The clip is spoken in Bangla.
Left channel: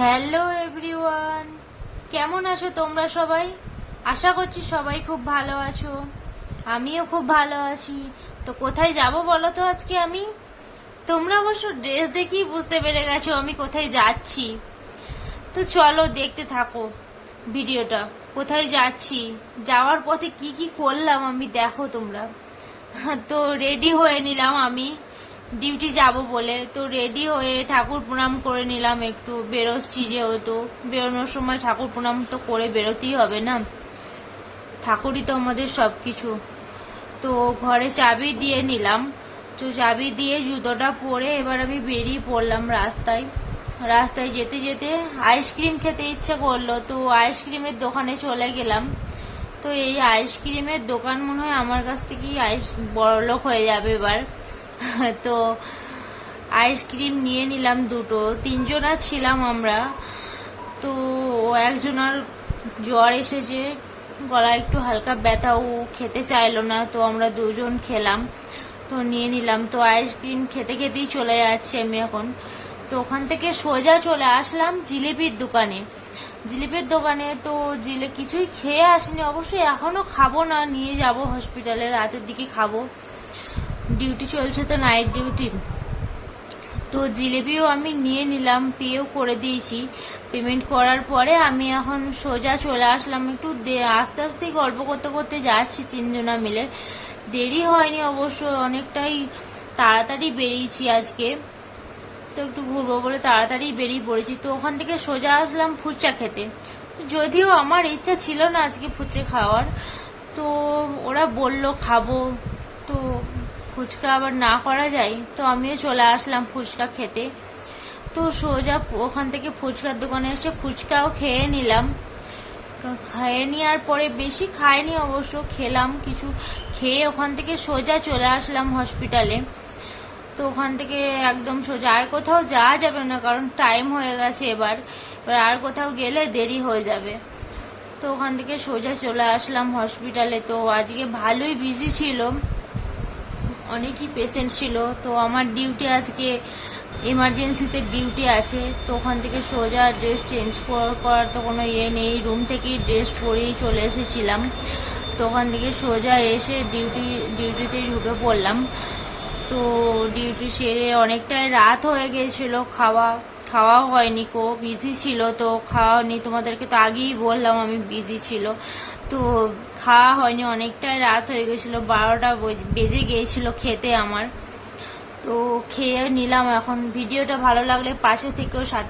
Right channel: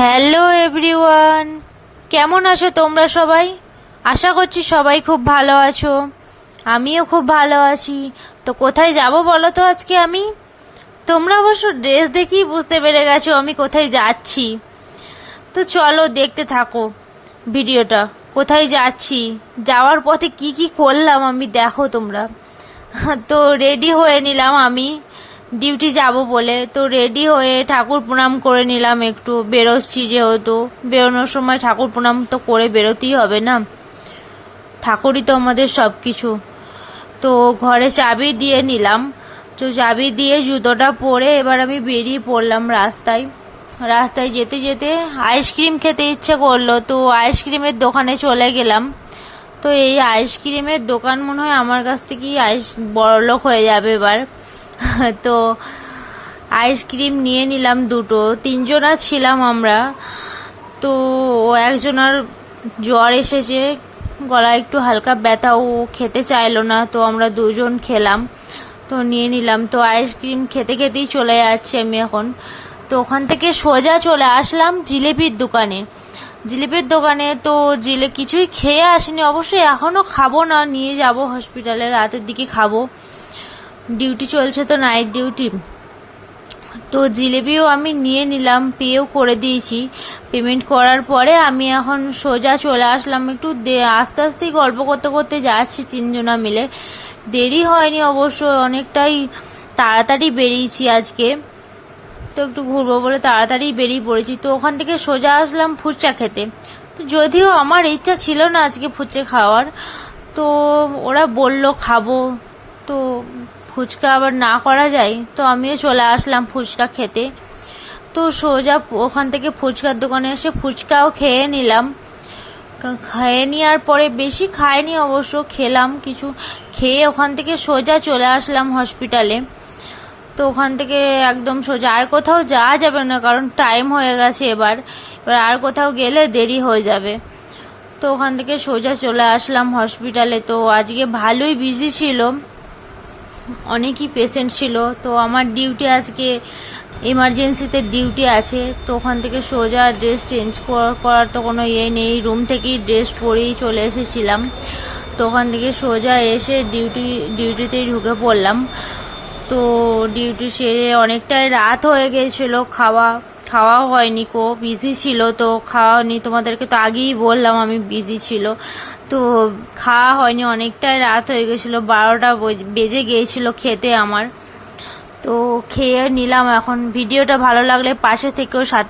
হ্যালো এভরিওয়ান, কেমন আছো তোমরা সবাই? আশা করছি সবাই খুব ভালো আছো। আমিও খুব ভালো আছি। তো কোথায় যাব বলো তো আজকে আমি? তোমরা অবশ্য ড্রেস দেখেই বুঝতে পেরে গেছো আমি কোথায় যাচ্ছি। তো চলো দেখতে থাকো ভিডিওটা। কোথায় যাচ্ছি, যাওয়ার পথে কি কি করলাম আমি দেখো তোমরা। তো রেডি হয়ে নিলাম আমি ডিউটি যাব বলে। তো রেডি হয়ে ঠাকুর প্রণাম করে নিলাম, একটু বেরোচ্ছি যেহেতু বেরোনোর সময় ঠাকুর প্রণাম তো করে বেরোতেই হবে না, ঠাকুরই তো আমাদের সব কিছু। তো ঘরে চাবি দিয়ে নিলাম। তো চাবি দিয়ে জুতোটা পরে এবার আমি বেরিয়ে পড়লাম রাস্তায়। রাস্তায় যেতে যেতে আইসক্রিম খেতে ইচ্ছে করলো, তো আইসক্রিমের দোকানে চলে গেলাম। তো এই আইসক্রিমের দোকান মনে হয় আমার কাছ থেকেই বড়লোক হয়ে যাবে এবার। তো আইসক্রিম নিয়ে নিলাম দুটো, তিনজনা ছিলাম আমরা। তো একজনের জ্বর এসেছে, গলায় একটু হালকা ব্যথা, ও খেতে চাইলো না, তো আমরা দুজন খেলাম। তো নিয়ে নিলাম। তো আইসক্রিম খেতে খেতেই চলে যাচ্ছি আমি এখন। তো ওখান থেকে সোজা চলে আসলাম জিলেপির দোকানে। জিলিপির দোকানে তো কিছুই খেয়ে আসিনি, অবশ্যই এখনও খাবো না, নিয়ে যাব হসপিটালে, রাতের দিকে খাবো। ডিউটি চলছে তো, নাইট ডিউটি। তো জিলেপিও আমি নিয়ে নিলাম, পেও করে দিয়েছি। পেমেন্ট করার পরে আমি এখন সোজা চলে আসলাম, একটু আস্তে আস্তেই গল্প করতে করতে যাচ্ছি তিনজনা মিলে। দেরি হয়নি অবশ্য, অনেকটাই তাড়াতাড়ি বেরিয়েছি আজকে। তো একটু ঘুরবো বলে তাড়াতাড়ি বেরিয়ে পড়েছি। তো ওখান থেকে সোজা আসলাম ফুচকা খেতে। তো যদিও আমার ইচ্ছা ছিল না আজকে ফুচকা খাওয়ার, তো ওরা বলল খাবো, তো ফুচকা আবার না করা যায়, তো আমিও চলে আসলাম ফুচকা খেতে। তো সোজা ওখান থেকে ফুচকার দোকানে এসে ফুচকাও খেয়ে নিলাম। খেয়ে নেওয়ার পরে, বেশি খাইনি অবশ্য, খেলাম কিছু। খেয়ে ওখান থেকে সোজা চলে আসলাম হসপিটালে। তো ওখান থেকে একদম সোজা, আর কোথাও যাওয়া যাবে না কারণ টাইম হয়ে গেছে এবার। আর কোথাও গেলে দেরি হয়ে যাবে। তো ওখান থেকে সোজা চলে আসলাম হসপিটালে। তো আজকে ভালোই বিজি ছিল, অনেকই পেশেন্ট ছিল। তো আমার ডিউটি আজকে এমার্জেন্সিতে ডিউটি আছে। তো ওখান থেকে সোজা ড্রেস চেঞ্জ করার তো কোনো ইয়ে নেই, রুম থেকেই ড্রেস পরেই চলে এসেছিলাম। তো ওখান থেকে সোজা এসে ডিউটিতেই ঢুকে পড়লাম। তো ডিউটি সেরে অনেকটাই রাত হয়ে গিয়েছিলো, খাওয়া হয়নি, বিজি ছিল তো খাওয়া হয়নি। তোমাদেরকে তো আগেই বললাম আমি বিজি ছিল, তো খাওয়া হয়নি, অনেকটাই রাত হয়ে গেছিলো, 12টা বেজে গিয়েছিল খেতে আমার। তো খেয়ে নিলাম। এখন ভিডিওটা ভালো লাগলে পাশে থেকেও সাথে